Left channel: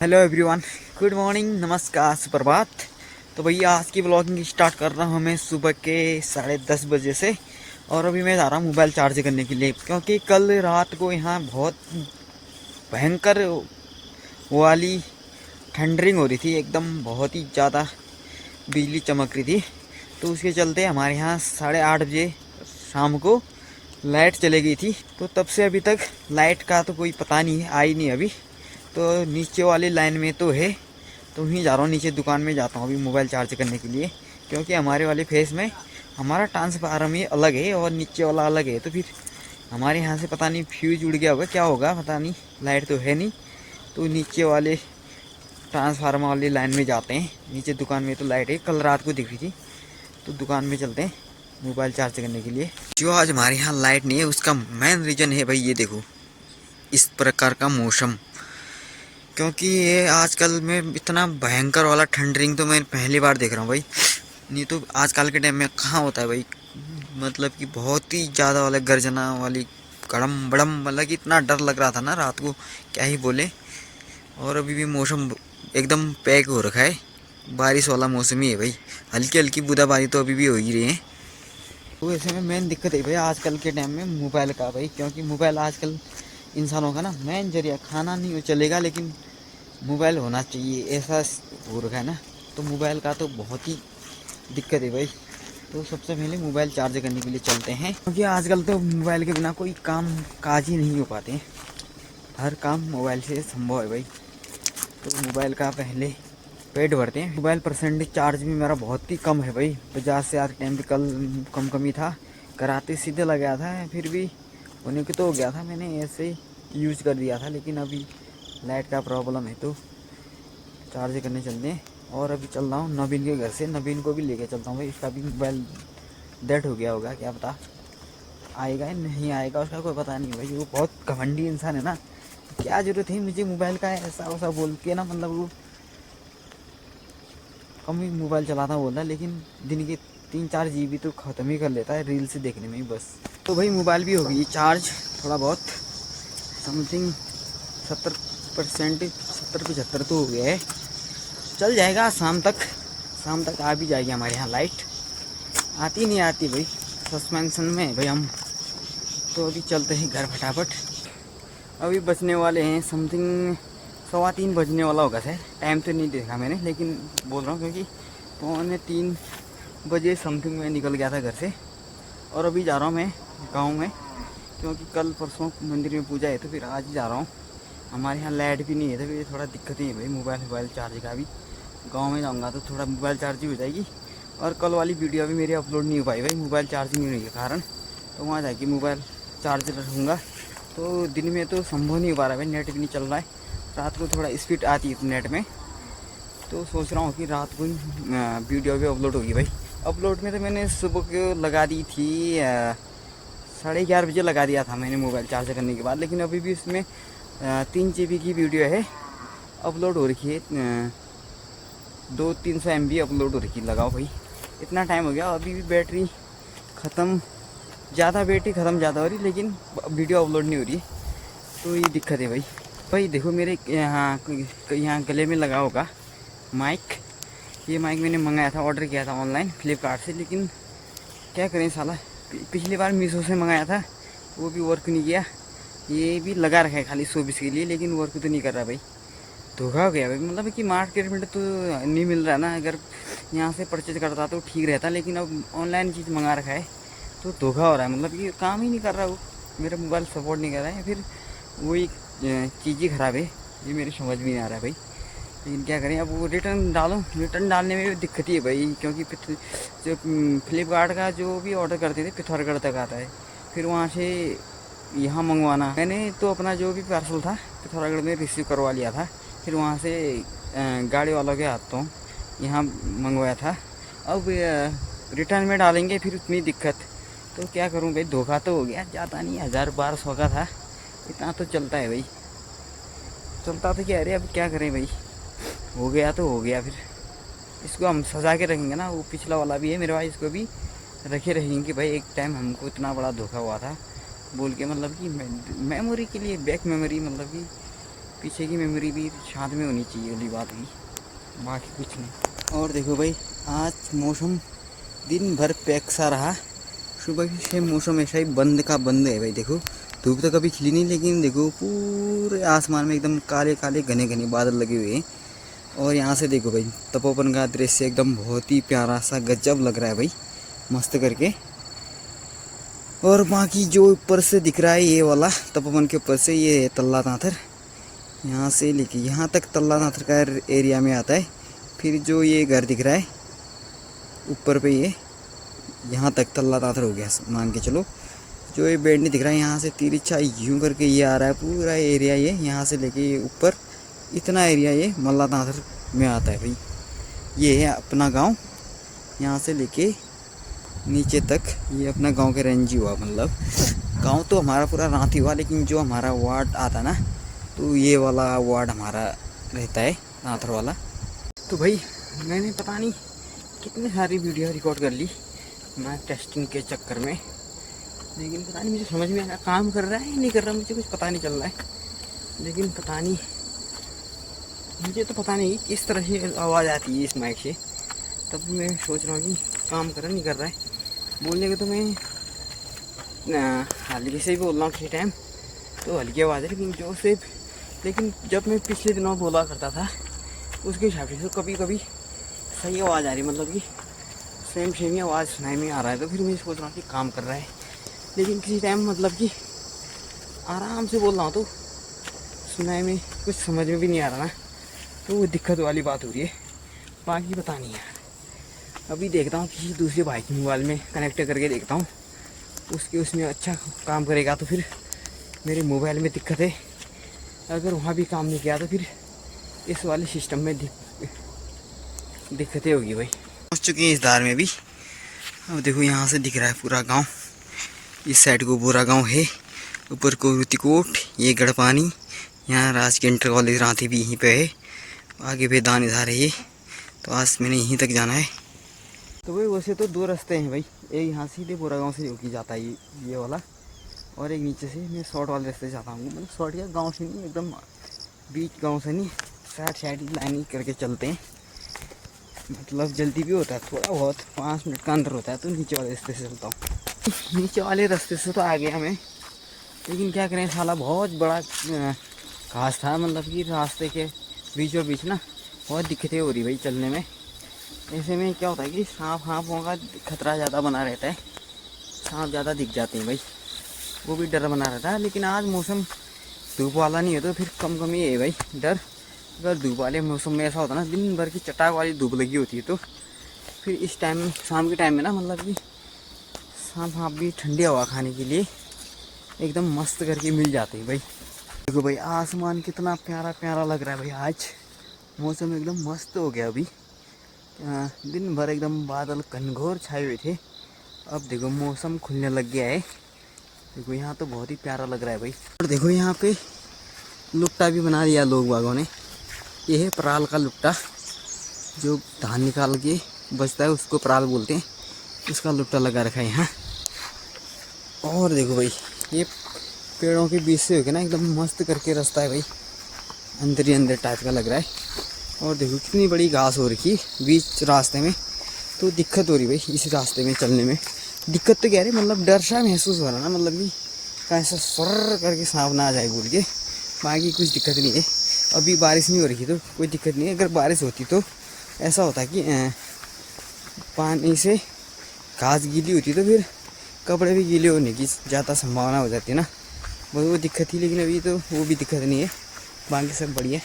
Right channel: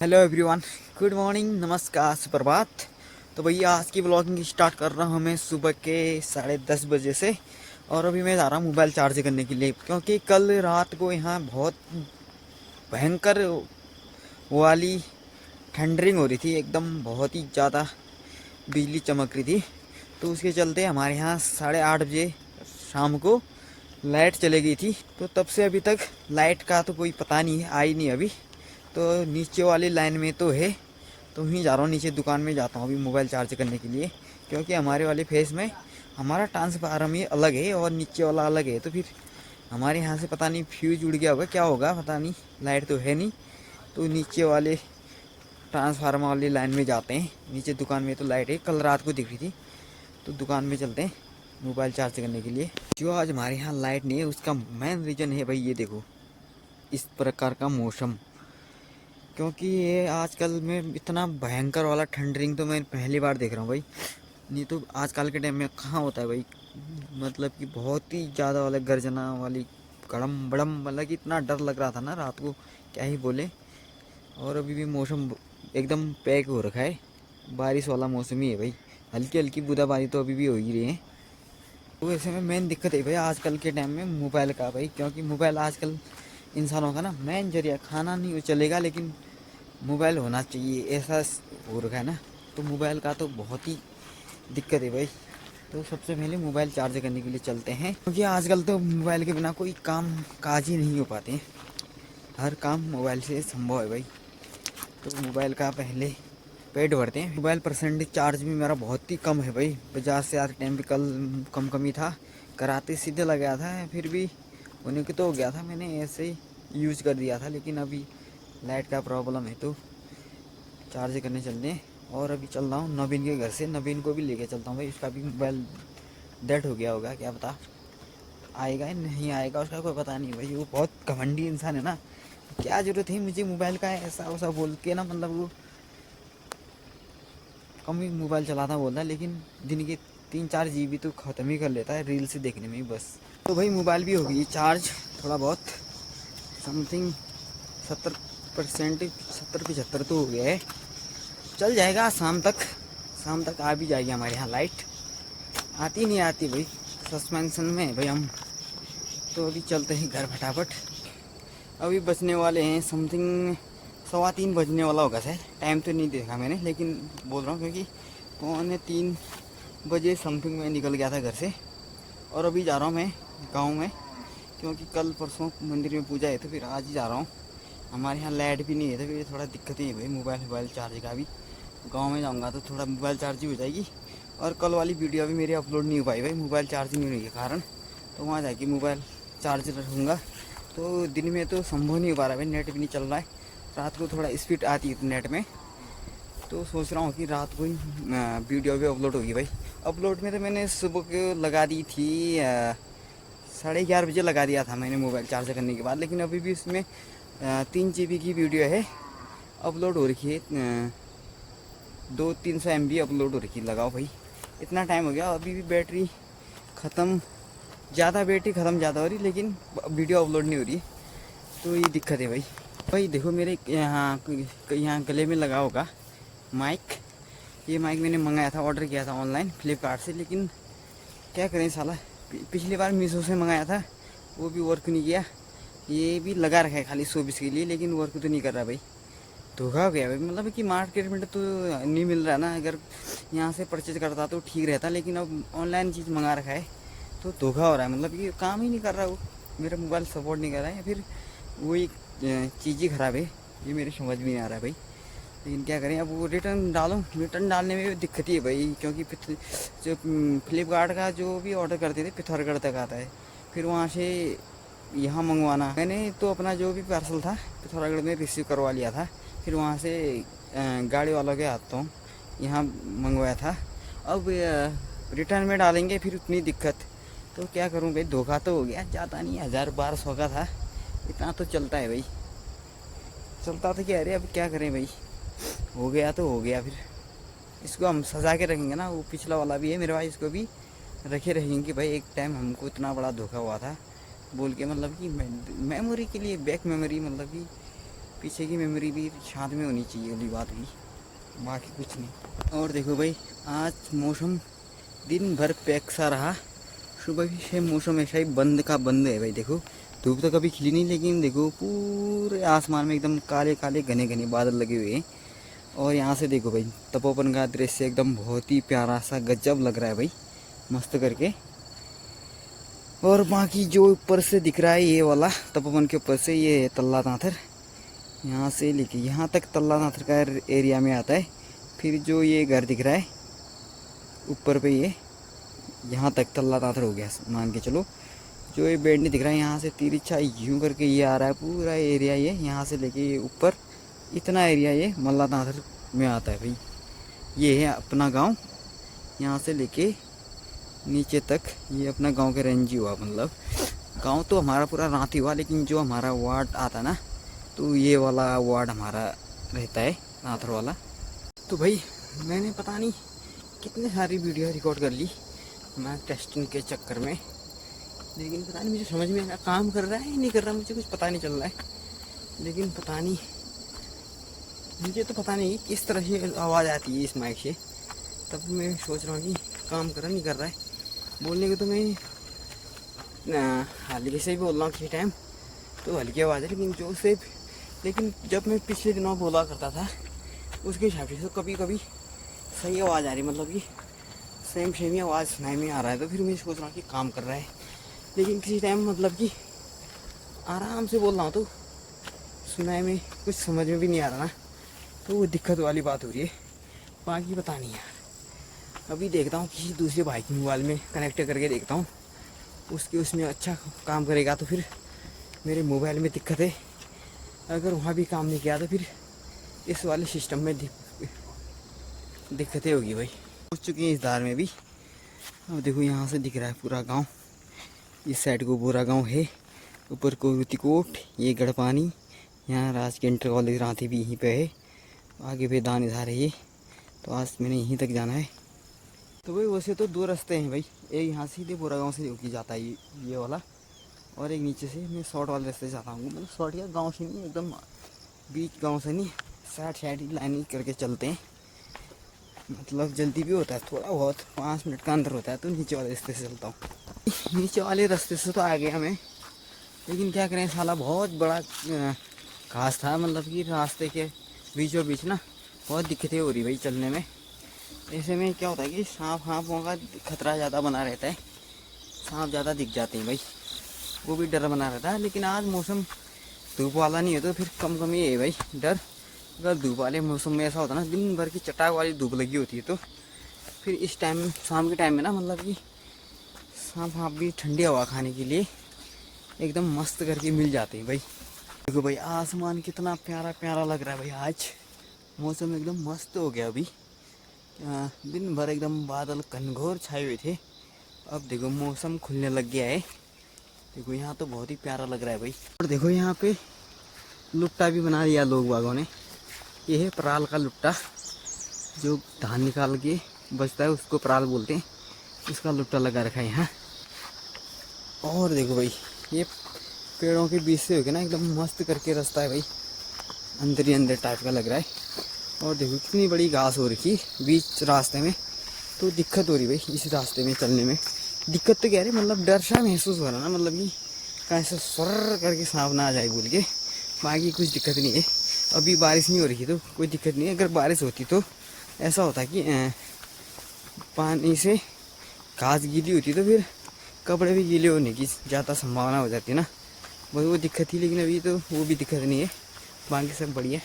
Hello everyone, good morning, नमस्कार, सुप्रभात। तो भैया आज की ब्लॉगिंग स्टार्ट कर रहा हूँ मैं सुबह के 10:30 बजे से। और अभी मैं जा रहा हूँ मोबाइल चार्ज करने के लिए, क्योंकि कल रात को यहाँ बहुत भयंकर वो वाली थंडरिंग हो रही थी, एकदम बहुत ही ज़्यादा बिजली चमक रही थी। तो उसके चलते हमारे यहाँ 8:30 बजे शाम को लाइट चली गई थी। तो तब से अभी तक लाइट का तो कोई पता नहीं है, आई नहीं अभी। तो नीचे वाली लाइन में तो है, तो वहीं जा रहा हूँ, नीचे दुकान में जाता हूँ अभी मोबाइल चार्ज करने के लिए। क्योंकि हमारे वाले फेस में हमारा ट्रांसफार्मर ही अलग है और नीचे वाला अलग है, तो फिर हमारे यहाँ से पता नहीं फ्यूज उड़ गया होगा, क्या होगा पता नहीं। लाइट तो है नहीं, तो नीचे वाले ट्रांसफार्मर वाली लाइन में जाते हैं। नीचे दुकान में तो लाइट है, कल रात को दिख रही थी। तो दुकान में चलते हैं मोबाइल चार्ज करने के लिए। जो आज हमारे यहाँ लाइट नहीं है उसका मेन रीज़न है भाई, ये देखो इस प्रकार का मौसम। क्योंकि ये आजकल में इतना भयंकर वाला थंडरिंग तो मैं पहली बार देख रहा हूँ भाई। नहीं तो आजकल के टाइम में कहाँ होता है भाई। मतलब कि बहुत ही ज़्यादा वाला गर्जना वाली कड़म बड़म, मतलब कि इतना डर लग रहा था ना रात को, क्या ही बोले। और अभी भी मौसम एकदम पैक हो रखा है, बारिश वाला मौसम ही है भाई। हल्की हल्की बूंदाबांदी तो अभी भी हो ही रही है। तो ऐसे में मेन दिक्कत है भाई आजकल के टाइम में मोबाइल का भाई, क्योंकि मोबाइल आजकल इंसानों का ना मेन जरिया। खाना नहीं चलेगा लेकिन मोबाइल होना चाहिए, ऐसा हो रखा है ना। तो मोबाइल का तो बहुत ही दिक्कत है भाई। तो सबसे पहले मोबाइल चार्ज करने के लिए चलते हैं, क्योंकि आजकल तो मोबाइल के बिना कोई काम काज ही नहीं हो पाते हैं। हर काम मोबाइल से संभव है भाई। तो मोबाइल का पहले पेट भरते हैं। मोबाइल परसेंटेज चार्ज भी मेरा बहुत ही कम है भाई, 50 से टाइम भी कल कम ही था। कराते सीधे लगा था, फिर भी होने के तो हो गया था, मैंने ऐसे ही यूज कर दिया था। लेकिन अभी लाइट का प्रॉब्लम है तो चार्ज करने चलते हैं। और अभी चल रहा हूँ नवीन के घर से, नवीन को भी लेके चलता हूँ भाई। इसका भी मोबाइल डेड हो गया होगा, क्या पता आएगा या नहीं आएगा, उसका कोई पता नहीं भाई। वो बहुत घमंडी इंसान है ना, क्या जरूरत है मुझे मोबाइल का ऐसा वैसा बोल के ना। मतलब वो कम ही मोबाइल चलाता बोलता, लेकिन दिन के 3-4 GB तो ख़त्म ही कर लेता है रील से देखने में ही बस। तो भाई मोबाइल भी हो गई चार्ज, थोड़ा बहुत समथिंग 70%, 70-75 तो हो गया है। चल जाएगा शाम तक, शाम तक आ भी जाएगी हमारे यहाँ लाइट। आती नहीं आती भाई, सस्पेंशन में है भाई हम। तो अभी चलते हैं घर फटाफट। अभी बजने वाले हैं समथिंग 3:15 बजने वाला होगा सर। टाइम तो नहीं देखा मैंने, लेकिन बोल रहा हूँ क्योंकि 2:45 बजे समथिंग मैं निकल गया था घर से। और अभी जा रहा हूँ मैं गाँव में, क्योंकि कल परसों मंदिर में पूजा है, तो फिर आज ही जा रहा हूँ। हमारे यहाँ लाइट भी नहीं है, तो फिर थोड़ा दिक्कत ही है भाई मोबाइल चार्ज का भी। गांव में जाऊंगा तो थोड़ा मोबाइल चार्ज ही हो जाएगी। और कल वाली वीडियो भी मेरी अपलोड नहीं हो पाई भाई, मोबाइल चार्ज नहीं होने के कारण। तो वहाँ जाके मोबाइल चार्ज रखूँगा। तो दिन में तो संभव नहीं हो पा रहा है भाई, नेट भी नहीं चल रहा है। रात को थोड़ा स्पीड आती है नेट में, तो सोच रहा हूँ कि रात को वीडियो भी अपलोड होगी भाई। अपलोड में तो मैंने सुबह को लगा दी थी, 11:30 बजे लगा दिया था मैंने मोबाइल चार्ज करने के बाद। लेकिन अभी भी इसमें 3 GB की वीडियो है, अपलोड हो रखी है। 200-300 MB अपलोड हो रखी, लगाओ भाई। इतना टाइम हो गया, अभी भी बैटरी ख़त्म, ज़्यादा बैटरी ख़त्म ज़्यादा हो रही, लेकिन वीडियो अपलोड नहीं हो रही। तो ये दिक्कत है भाई। भाई देखो मेरे यहाँ गले में लगा होगा माइक। ये माइक मैंने मंगाया था, ऑर्डर किया था ऑनलाइन फ्लिपकार्ट से। लेकिन क्या करें साला, पिछली बार मीशो से मंगाया था, वो भी वर्क नहीं किया। ये भी लगा रखा है खाली 120 के लिए, लेकिन वर्क तो नहीं कर रहा भाई। धोखा हो गया भाई, मतलब कि मार्केट में तो नहीं मिल रहा ना। अगर यहाँ से परचेज करता तो ठीक रहता, लेकिन अब ऑनलाइन चीज़ मंगा रखा है तो धोखा हो रहा है। मतलब कि काम ही नहीं कर रहा वो, मेरा मोबाइल सपोर्ट नहीं कर रहा है, फिर वही चीज़ ही ख़राब है। ये मेरी समझ भी नहीं आ रहा है भाई, लेकिन क्या करें। अब वो रिटर्न डालो, रिटर्न डालने में भी दिक्कत ही है भाई। क्योंकि जो फ्लिपकार्ट का जो भी ऑर्डर करते थे पिथौरागढ़ तक आता है, फिर वहाँ से यहाँ मंगवाना। मैंने तो अपना जो भी पार्सल था पिथौरागढ़ में रिसीव करवा लिया था, फिर वहाँ से गाड़ी वालों के हाथों यहाँ मंगवाया था। अब रिटर्न में डालेंगे फिर उतनी दिक्कत। तो क्या करूँ भाई, धोखा तो हो गया। ज़्यादा नहीं, 1000-1200 का था, इतना तो चलता है भाई। चलता तो क्या, अरे अब क्या करें भाई, हो गया तो हो गया। फिर इसको हम सजा के रखेंगे ना। वो पिछला वाला भी है मेरे भाई, इसको भी रखे रहेंगे कि भाई एक टाइम हमको इतना बड़ा धोखा हुआ था बोल के। मतलब कि मेमोरी के लिए, बैक मेमोरी, मतलब कि पीछे की मेमोरी भी साथ में होनी चाहिए, वाली बात भी, बाकी कुछ नहीं। और देखो भाई, आज मौसम दिन भर पैक सा रहा। सुबह से मौसम ऐसा ही बंद का बंद है भाई। देखो धूप तो कभी खिली नहीं, लेकिन देखो पूरे आसमान में एकदम काले काले घने घने बादल लगे हुए हैं। और यहाँ से देखो भाई, तपोवन का दृश्य एकदम बहुत ही प्यारा सा गजब लग रहा है भाई, मस्त करके। और बाकी जो ऊपर से दिख रहा है ये वाला, तपोवन के ऊपर से ये तल्ला नाथर, यहाँ से लेके यहाँ तक तल्ला नाथर का एरिया में आता है। फिर जो ये घर दिख रहा है ऊपर पे, ये यहाँ तक तल्ला नाथर हो गया मान के चलो। जो ये बेड नहीं दिख रहा है, यहाँ से तिरछा यूं करके ये आ रहा है पूरा एरिया, ये यहाँ से लेके ये ऊपर इतना एरिया ये मल्ला नाथर में आता है भाई। ये है अपना गांव, यहाँ से लेके नीचे तक ये अपना गांव के रेंज ही हुआ। मतलब गांव तो हमारा पूरा रांती हुआ, लेकिन जो हमारा वार्ड आता ना, तो ये वाला वार्ड हमारा रहता है नाथर वाला। तो भाई मैंने पता नहीं कितनी सारी वीडियो रिकॉर्ड कर ली मैं टेस्टिंग के चक्कर में, लेकिन पता नहीं मुझे समझ में आया काम कर रहा है नहीं कर रहा, मुझे कुछ पता नहीं चल रहा है। लेकिन पता नहीं, मुझे तो पता नहीं किस तरह से आवाज़ आती है इस माइक से। तब मैं सोच रहा हूँ कि काम कर रहा नहीं कर रहा है। बोलने के तो मैं हल्के से ही बोल रहा हूँ किसी टाइम, तो हल्की आवाज़ है, लेकिन जो से लेकिन जब मैं पिछले दिनों बोला करता था उसके हिसाब से तो कभी कभी सही आवाज़ आ रही, मतलब कि सेम ही आवाज़ सुनाई में आ रहा है। तो फिर मैं सोच रहा हूँ कि काम कर रहा है, लेकिन किसी टाइम मतलब कि आराम से बोल रहा हूँ तो सुनाई में कुछ समझ में भी नहीं आ रहा ना, तो वो दिक्कत वाली बात हो रही है। बाकी पता नहीं यार, अभी देखता हूँ किसी दूसरी बाइक के मोबाइल में कनेक्ट करके देखता हूँ, उसमें अच्छा काम करेगा तो फिर मेरे मोबाइल में दिक्कत है। अगर वहाँ भी काम नहीं किया तो फिर इस वाले सिस्टम में दिक्कतें होगी भाई। पहुँच चुके हैं इस धार में भी। अब देखो यहाँ से दिख रहा है पूरा गांव, इस साइड को पूरा गांव है, ऊपर को रुतिकोट, ये गढ़पानी, यहाँ राजकीय इंटर कॉलेज रांती भी यहीं पे है, आगे भी दान धार है ये। तो आज मैंने यहीं तक जाना है। तो भाई वैसे तो दो रास्ते हैं भाई, एक यहाँ सीधे बोरा गाँव से होके जाता है ये वाला, और एक नीचे से मैं शॉर्ट वाले रास्ते से जाता हूँ। मतलब शॉर्ट या गाँव से नहीं, एकदम बीच गाँव से नहीं, साइड लाइन करके चलते हैं। मतलब जल्दी भी होता है थोड़ा बहुत, 5 मिनट का अंदर होता है, तो नीचे वाले रास्ते से चलता हूँ। नीचे वाले रास्ते से तो आ गया मैं, लेकिन क्या करें साला बहुत बड़ा घास था, मतलब कि रास्ते के बीचों बीच ना बहुत दिक्कतें हो रही भाई चलने में। ऐसे में क्या होता है कि सांपों का खतरा ज़्यादा बना रहता है, सांप ज़्यादा दिख जाते हैं भाई, वो भी डर बना रहता है। लेकिन आज मौसम धूप वाला नहीं है तो फिर कम कम ही है भाई डर। अगर धूप वाले मौसम में ऐसा होता ना, दिन भर की चटाक वाली धूप लगी होती है, तो फिर इस टाइम शाम के टाइम में ना, मतलब कि सांप भी ठंडी हवा खाने के लिए एकदम मस्त करके मिल जाते हैं भाई। देखो भाई आसमान कितना प्यारा प्यारा लग रहा है भाई, आज मौसम एकदम मस्त हो गया। अभी दिन भर एकदम बादल घनघोर छाए हुए थे, अब देखो मौसम खुलने लग गया है। देखो यहाँ तो बहुत ही प्यारा लग रहा है भाई। और देखो यहाँ पे लुट्टा भी बना दिया लोग बागों ने, ये है पराल का लुट्टा, जो धान निकाल के बचता है उसको पराल बोलते हैं, इसका लुट्टा लगा रखा है यहाँ। और देखो भाई ये पेड़ों के बीच से होके ना एकदम मस्त करके रास्ता है भाई, अंदर ही अंदर टाइप का लग रहा है। और देखो कितनी बड़ी घास हो रखी बीच रास्ते में, तो दिक्कत हो रही भाई इस रास्ते में चलने में। दिक्कत तो क्या रही, मतलब डर सा महसूस हो रहा ना, मतलब कि कैसे सर करके सांप ना आ जाए बोल के, बाकी कुछ दिक्कत नहीं है। अभी बारिश नहीं हो रही तो कोई दिक्कत नहीं है, अगर बारिश होती तो ऐसा होता कि पानी से घास गीली होती तो फिर कपड़े भी गीले होने की ज़्यादा संभावना हो जाती है ना, वो दिक्कत थी। लेकिन अभी तो वो भी दिक्कत नहीं है, बाकी सब बढ़िया।